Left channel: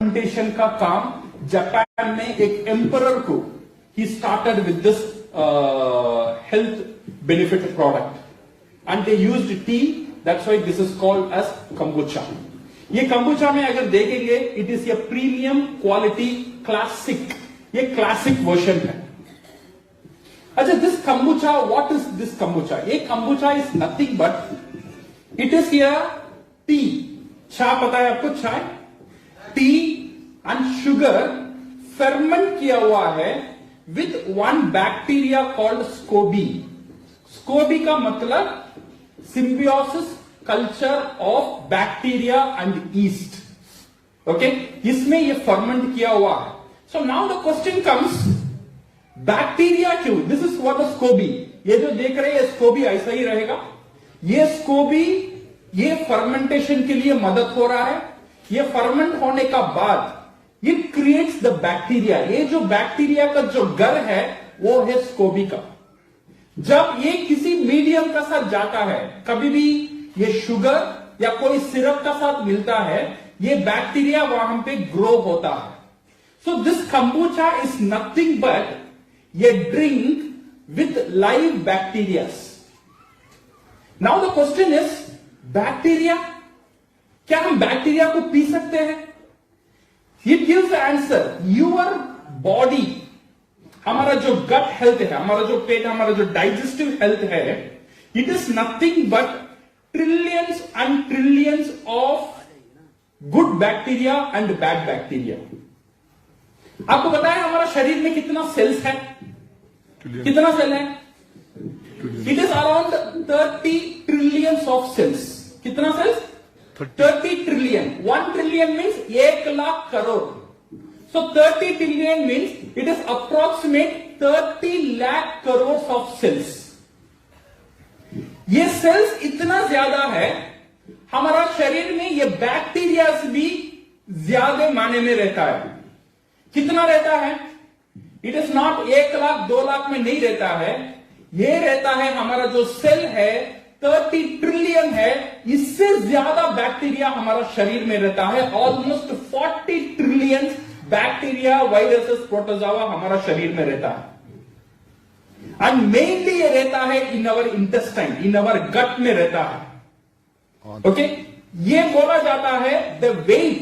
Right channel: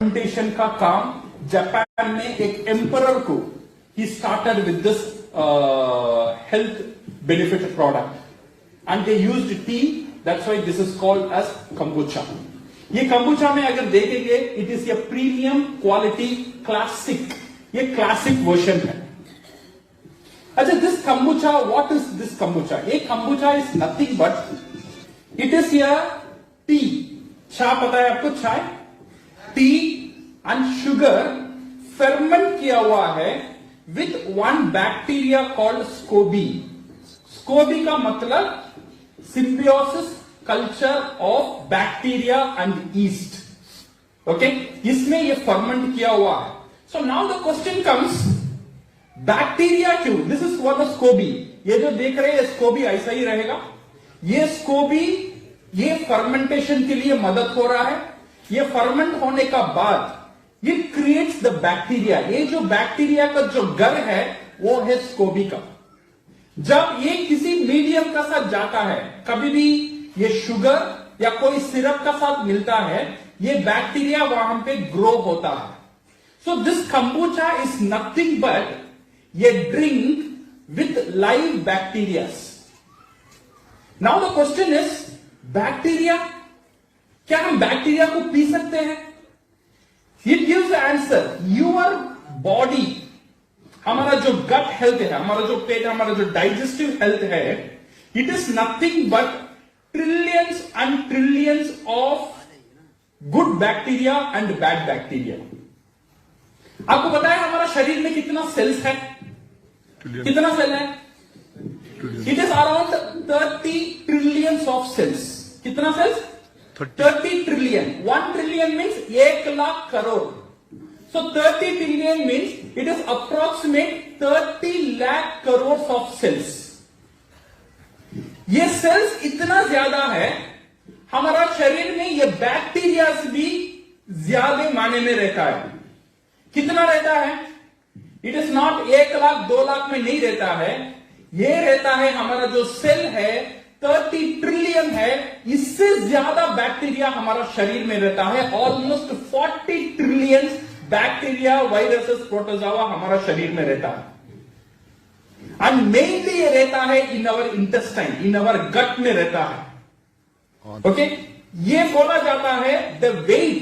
Fermentation का काम Japan में एक एम्परर को he started with this health benefit product and they used tea, that's why this is called as kombucha. ये kombucha में अगर देखेंगे it is a premium quality classic, ये क्लासिक वर्जन है। अच्छा, this kombucha, what is this kombucha? ये kombucha is nothing but it is a tea, चाय पता है आपको, चाय, टी एंड शुगर फर्मेंट किया हुआ है with one bacteria called Scobee. Scobee का मतलब symbiosis culture of bacteria and east. Okay, इसमें ये फर्मेंट किया हुआ है। So now the question comes, bacteria क्यों? दिस इज व्हाट स्कोबी, ये जो देख रहे हैं स्कोबी ऐसा ही रहेगा। ये स्कोबी ये फर्मेंटेशन के लिए मदद हो रहा है। ये फर्मेंट होने का बाद इट क्रिएट्स द बैक्टीरिया। ये जो बैक्टीरिया का जो घर है वो है स्कोबी का। जब ये किसी मीडियम का साथ जाता है, कभी भी ये शुगर या कोई सिरप का साथ मिलता है, ये बैक्टीरिया वहां पे ग्रो होता है। So this kombucha is nothing but ये drink with live bacteria. Now the question is, bacteria, क्या हम बैक्टीरिया को पी सकते हैं? It gives the answer, your body, हमारा जो गट हेल्थ है, हमारा जो पेट, हमारा जो डाइजेस्टिव हेल्थ है, it is nothing but trillions and trillions of good bacteria and bad bacteria. आपको पता है हमारा शरीर में कितना सेल्स है? कितना सेल है? It is around 30 trillions of sales. कितना sales? 30 trillion. 1 trillion means 1 lakh crore. So 30 trillion means it is approximate 30 lakh crores of cells. ये सेल्स इतना ज्यादा है, हमारा शरीर में ये बैक्टीरिया भी ज्यादा माने में रहता है। कितना रहता है? It is not 1 lakh 2 lakh में नहीं रहता है, ये रहता है हमारा जो सेल है 30 ट्रिलियन है, इससे ज्यादा बैक्टीरिया हमारा शरीर में रहता है। Almost 40 trillion bacteria, viruses, protozoa हमारा शरीर में रहता है। एंड मेनली ये रहता है इन अवर इंटेस्टाइन, इन अवर गट में रहता है। ओके, ये बोला जाता है द वेट।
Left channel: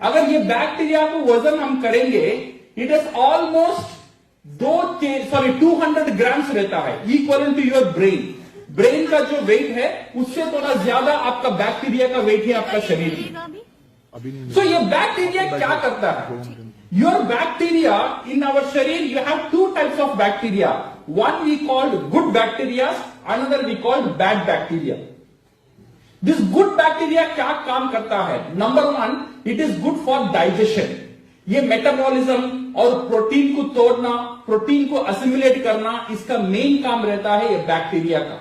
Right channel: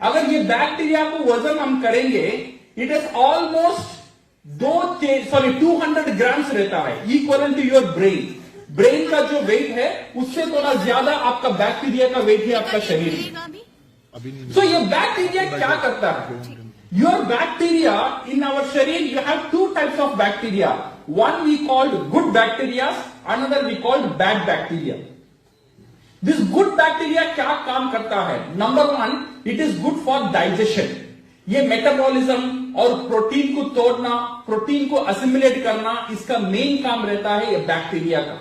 अगर ये बैक्टीरिया को वजन हम करेंगे, इट इज ऑलमोस्ट 200 ग्राम्स रहता है, equal to your brain. Brain का जो वेट है उससे थोड़ा ज्यादा आपका बैक्टीरिया का वेट है आपका शरीर में। So ये बैक्टीरिया क्या करता है? योर बैक्टीरिया इन आवर शरीर, you have 2 types of bacteria. One we called good bacteria, another we called bad bacteria. This good bacteria क्या काम करता है? Number 1, it is good for digestion. ये मेटाबॉलिज्म और प्रोटीन को तोड़ना, प्रोटीन को असिमिलेट करना, इसका मेन काम रहता है ये बैक्टीरिया का।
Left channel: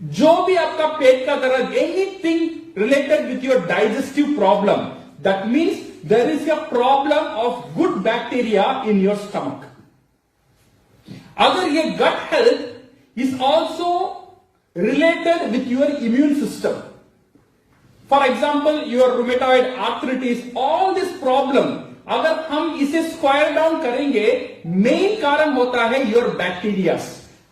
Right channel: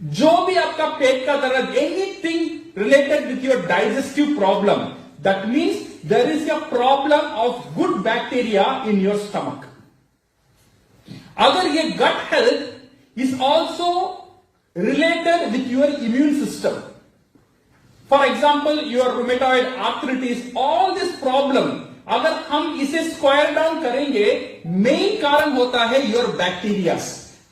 जो भी आपका पेट का दर्द, anything related with your digestive problem, that means there is a problem of good bacteria in your stomach. अगर ये gut health is also related with your immune system. For example, your rheumatoid arthritis, all this problem, अगर हम इसे square down करेंगे, main कारण होता है your bacteria.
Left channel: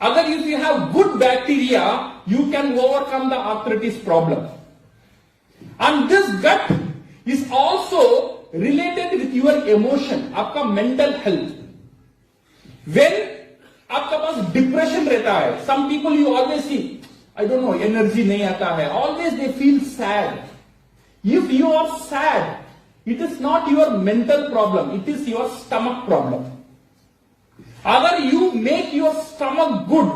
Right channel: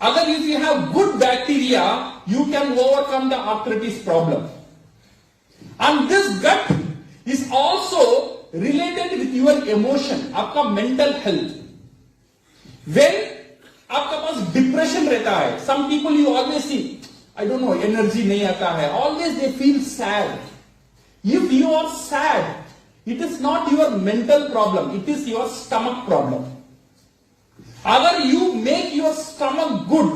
अगर if you have good bacteria, you can overcome the arthritis problem. And this gut is also related with your emotion, आपका mental health. When आपका पास डिप्रेशन रहता है, some people you always see, I don't know, energy नहीं आता है, always they feel sad. If you are sad, it is not your mental problem, it is your stomach problem. अगर you make your stomach good,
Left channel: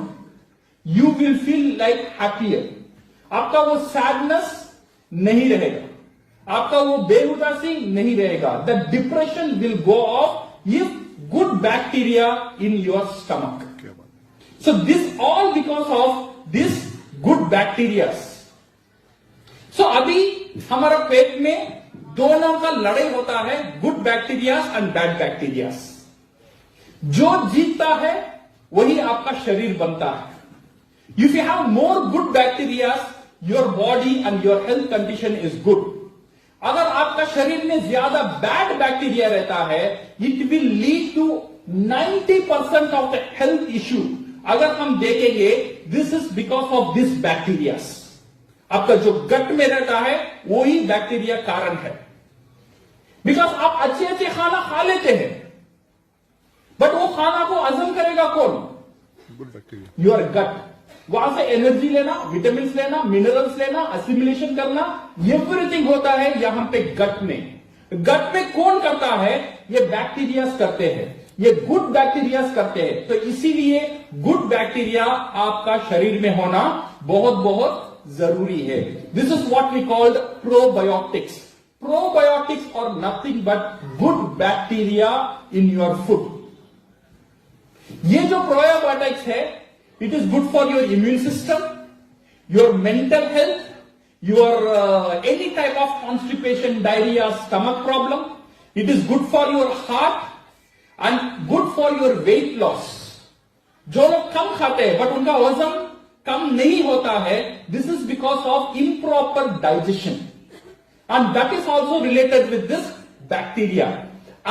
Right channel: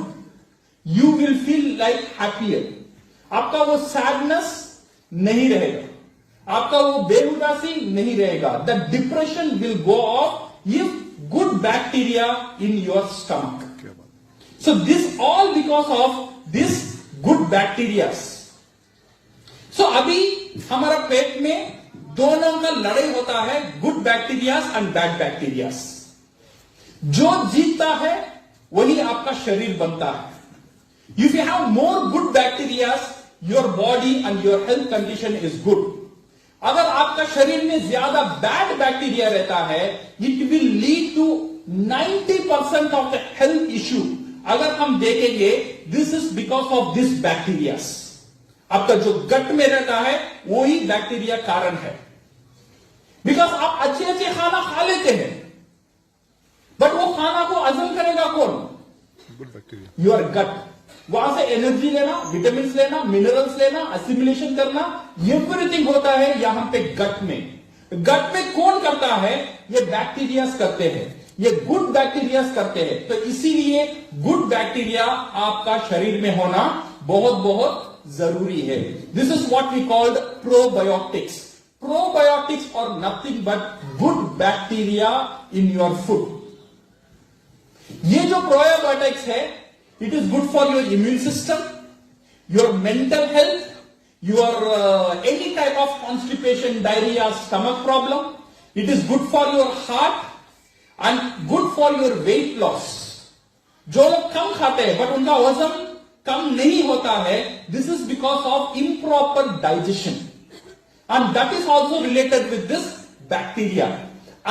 you will feel like happier. आपका वो sadness नहीं रहेगा, आपका वो बेउदासी नहीं रहेगा। The depression will go off if good bacteria in your stomach. So this all because of this good bacteria. So अभी हमारा पेट में दोनों का लड़ाई होता है, good bacteria and bad bacteria. जो जीतता है वही आपका शरीर बनता है। If you have more good bacteria, your body and your health condition is good. अगर आपका शरीर में ज्यादा बैड बैक्टीरिया रहता है, it will lead to 90% of the health issue. अगर हम देखेंगे, this is because of this bacteria. आपका जो गट में रहता है वही बैक्टीरिया कारण है. बिकॉज आप अच्छे अच्छे खाना खा लेते हैं, बट वो खाना को हजम करेगा कौन? Good bacteria. Your gut. वहां से एनर्जी लेना, विटामिन लेना, मिनरल्स लेना, एसिमिलेशन करना, एवरीथिंग होता है यहां पे गट में. गट में कौन करता है? ये बैक्टीरियाज करते हैं, ये गुड बैक्टीरियाज करते हैं. तो इसीलिए गुड बैक्टीरिया आपका शरीर में होना बहुत बहुत जरूरी है. This is what we called probiotics. Probiotics और nothing but good bacteria in your food. ये जो प्रोबायोटिक्स है, it is good for your immune system, your mental health, your any type of constipation, diarrhea, stomach problem. It is good for your heart and good for your weight loss. जो लोग कम खाते हैं but उनका वजन कम नहीं होता है, this is because of improper digestion, and that is also related with this bacteria.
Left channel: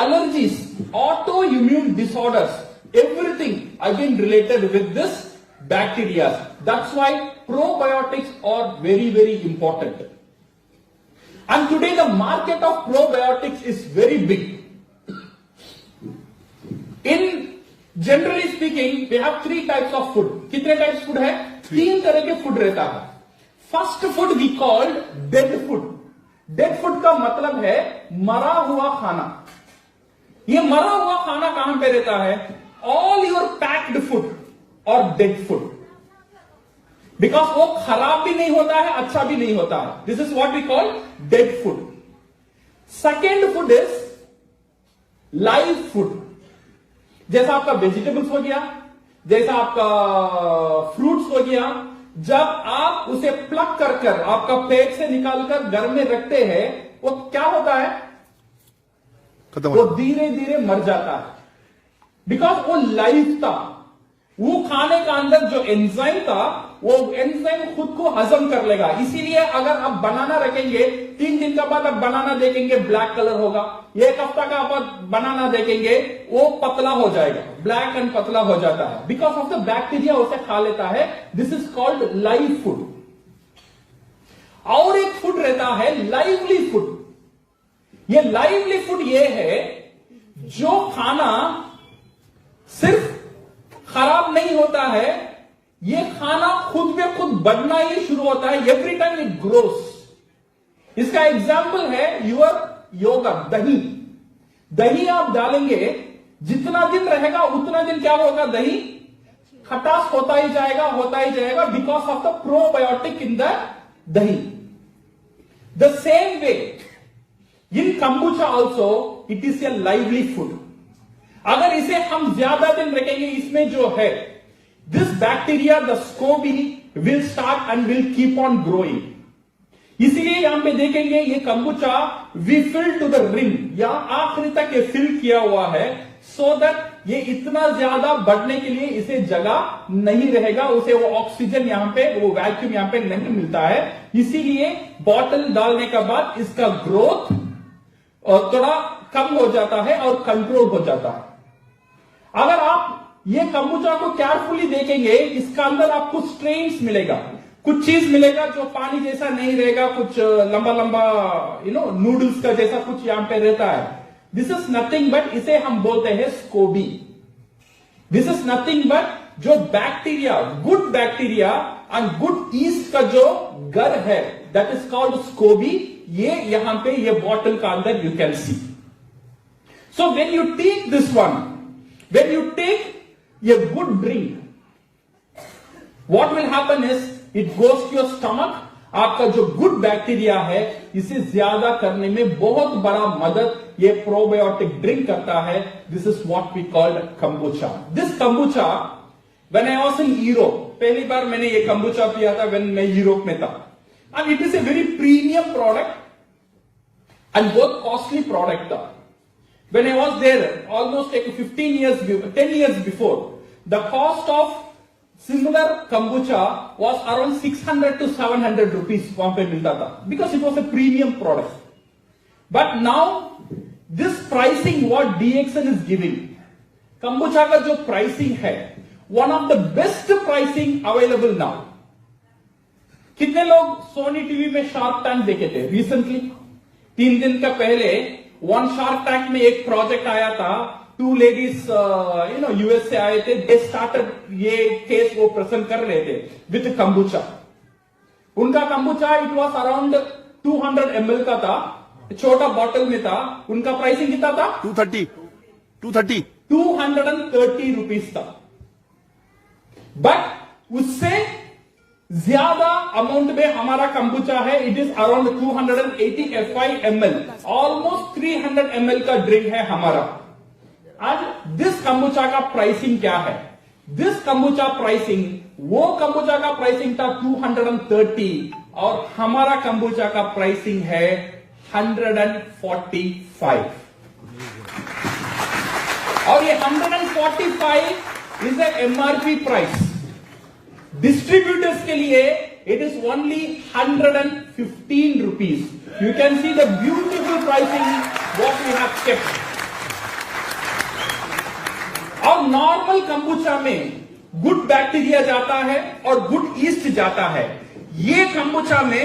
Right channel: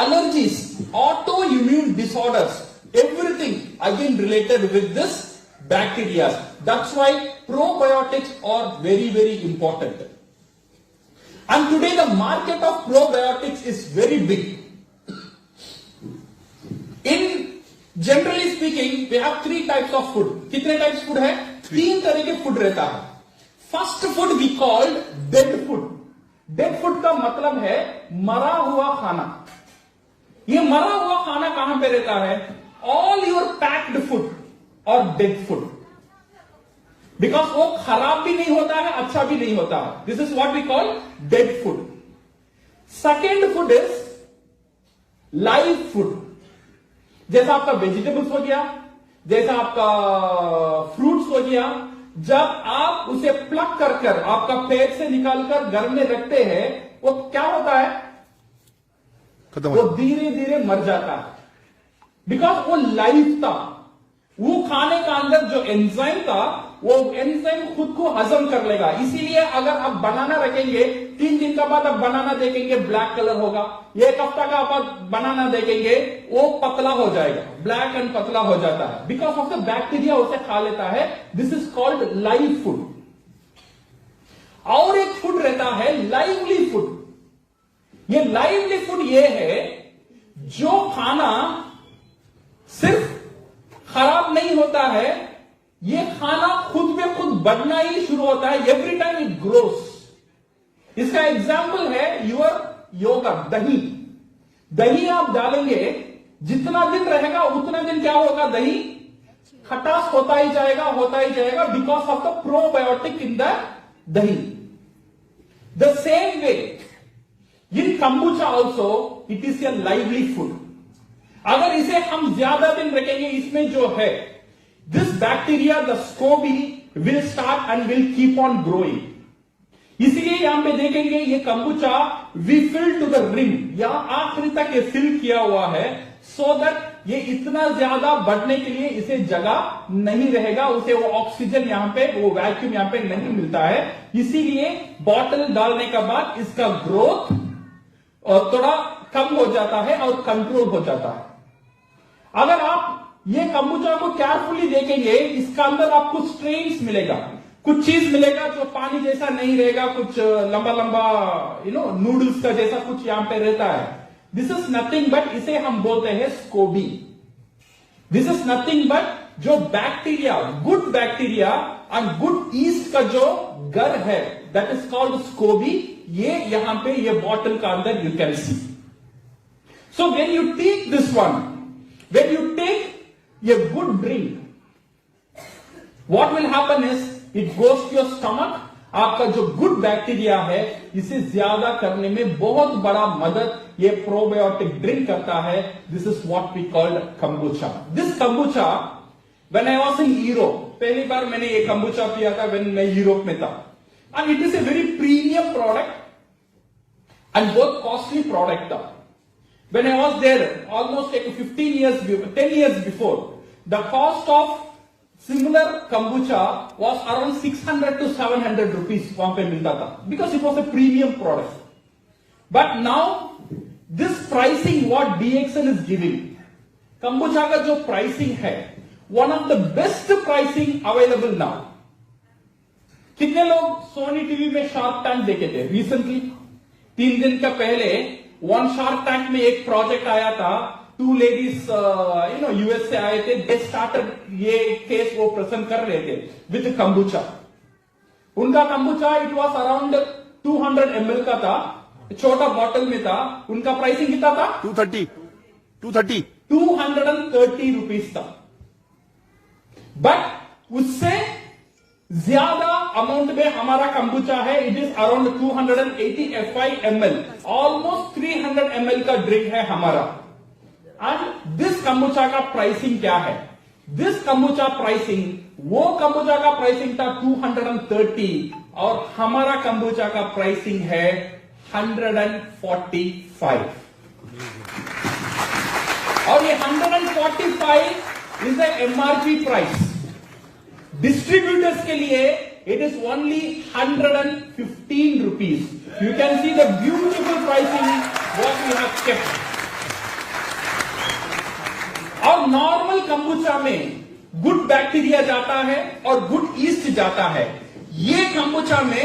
Allergies, autoimmune disorders, everything again related with this bacteria. That's why probiotics are very, very important. And today the market of probiotics is very big. In generally speaking, we have three types of food. कितने types food है? तीन तरह के food रहता है. First food we called dead food. Dead food का मतलब है मरा हुआ खाना. ये मरा हुआ खाना कहां पे रहता है? All your packed food और डेड फूड. बिकॉज वो खराब भी नहीं होता है, अच्छा भी नहीं होता है. This is what we call dead food. Second food is live food. जैसा आपका वेजिटेबल्स हो गया, जैसा आपका फ्रूट्स हो गया. जब आप उसे प्लग कर आपका पेट से निकालकर घर में रखते हैं, वो क्या होता है? वो धीरे धीरे मर जाता है. बिकॉज वो लाइव था. वो खाने का अंदर जो एंजाइम था, वो एंजाइम खुद को हजम कर लेगा. इसीलिए अगर आप बनाना रखेंगे, 3 दिन के बाद आप बनाना देखेंगे, ब्लैक कलर होगा. 1 हफ्ता का आप बनाना देखेंगे, वो पतला हो जाएगा, ब्लैक एंड पतला हो जाता है. बिकॉज ऑफ द बैक्टीरिया उसे खा लेता है. This is called live food. और एक फूड रहता है लाइवली फूड. ये लाइवली फूड ये है जो खाना सिर्फ खराब नहीं होता है, ये खाना खुद में खुद बढ़ना ही शुरू होता है. Every time it grows. इसका एग्जाम्पल है योर योगर्ट, दही. दही आप डालेंगे, जितना दिन रहेगा उतना दिन क्या होगा? दही खटास होता ही जाएगा because of the probiotic in the dahi. The same way in kombucha also it is a lively food. अगर इसे हम ज्यादा दिन रखेंगे, इसमें जो है this bacteria, the scoby will start and will keep on growing. इसीलिए यहां पे देखेंगे ये kombucha we fill to the rim, या आखिरी तक ये फिल किया हुआ है, सो दैट ये इतना ज्यादा बढ़ने के लिए इसे जगह नहीं रहेगा. उसे वो ऑक्सीजन यहां पे, वो वैक्यूम यहां पे नहीं मिलता है. इसीलिए बॉटल डालने के बाद इसका ग्रोथ थोड़ा कम हो जाता है और कंट्रोल हो जाता है. अगर आप ये कंबूचा को केयरफुली देखेंगे, इसका अंदर आपको स्ट्रेन्स मिलेगा, कुछ चीज मिलेगा जो पानी जैसा नहीं रहेगा, कुछ लंबा लंबा नूडल्स का जैसा कुछ यहां पे रहता है. दिस इज नथिंग बट, इसे हम बोलते हैं scoby. This is nothing but जो bacteria, good bacteria and good yeast का जो घर है, दैट इज कॉल्ड स्कोबी. ये यहां पे ये बॉटल का अंदर you can see. So when you take this one, when you take a good drink, what will happen is it goes to your stomach. आपका जो गुड बैक्टीरिया है, इसे ज्यादा करने में बहुत बड़ा मदद ये प्रोबायोटिक ड्रिंक करता है. This is what we call kombucha. This kombucha when I was in Europe, पहली बार मैंने ये कंबूचा पिया था व्हेन मैं यूरोप में था. And it is a very premium product and बहुत कॉस्टली प्रोडक्ट था. When I was there, almost like 10 years before, the cost of similar kombucha was around 600 to 700 rupees वहां पे मिलता था, because it was a premium product. But now, this pricing what DXN is giving, kombucha का जो pricing है, one of the best pricing available now. कितने लोग Sony TV में शार्क टैंक देखे थे रिसेंटली? 3 दिन का पहले वन शार्क टैंक में एक प्रोजेक्ट आया था, 2 लेडीज यूएस से आए थे, दे स्टार्टेड, ये केस वो प्रेजेंट कर रहे थे विद कंबुचा. उनका कंबुचा इट वाज अराउंड 200 ml का था, छोटा बॉटल में था. उनका प्राइसिंग कितना था? 230 रुपीज था. बट उससे ज्यादा अमाउंट में हमारा कंबुचा है. It is around 285 ml, almost 300 ml का ड्रिंक है हमारा. एंड दिस कंबुचा का प्राइसिंग क्या है? दिस कंबुचा प्राइसिंग, वो कंबुचा का प्राइसिंग था 230 और हमारा कंबुचा का प्राइसिंग है 145. और ये 145 is the MRP price. Distributors के लिए it is only 115 rupees. You can see the beautiful pricing what we have kept. और नॉर्मल कंबुचा में गुड बैक्टीरिया जाता है और गुड ईस्ट जाता है. ये कंबुचा में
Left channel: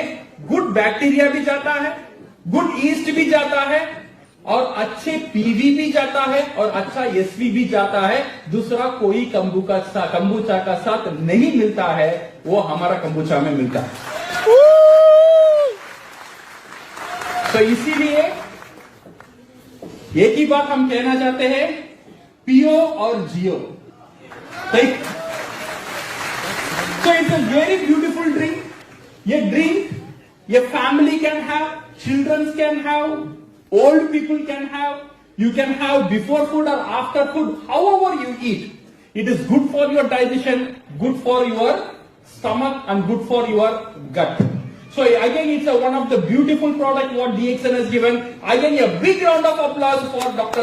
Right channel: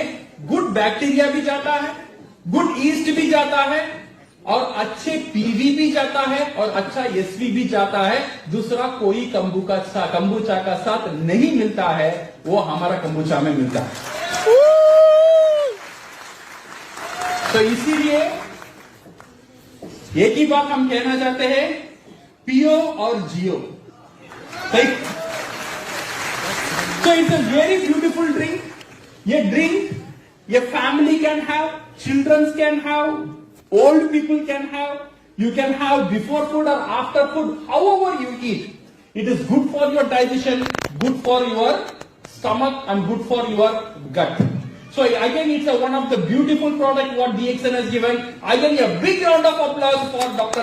गुड बैक्टीरिया भी जाता है, गुड ईस्ट भी जाता है और अच्छे पीवी भी जाता है और अच्छा एसवी भी जाता है. दूसरा कोई कंबुचा का साथ नहीं मिलता है, वो हमारा कंबुचा में मिलता है. तो इसीलिए एक ही बात हम कहना चाहते हैं, पियो और जियो. So it's a very beautiful drink. ये drink, ये family can have, children can have, old people can have. You can have before food or after food, however you eat. It is good for your digestion, good for your stomach, and good for your gut. So again, it's one of the beautiful product what DXN has given. Again, a big round of applause for Dr.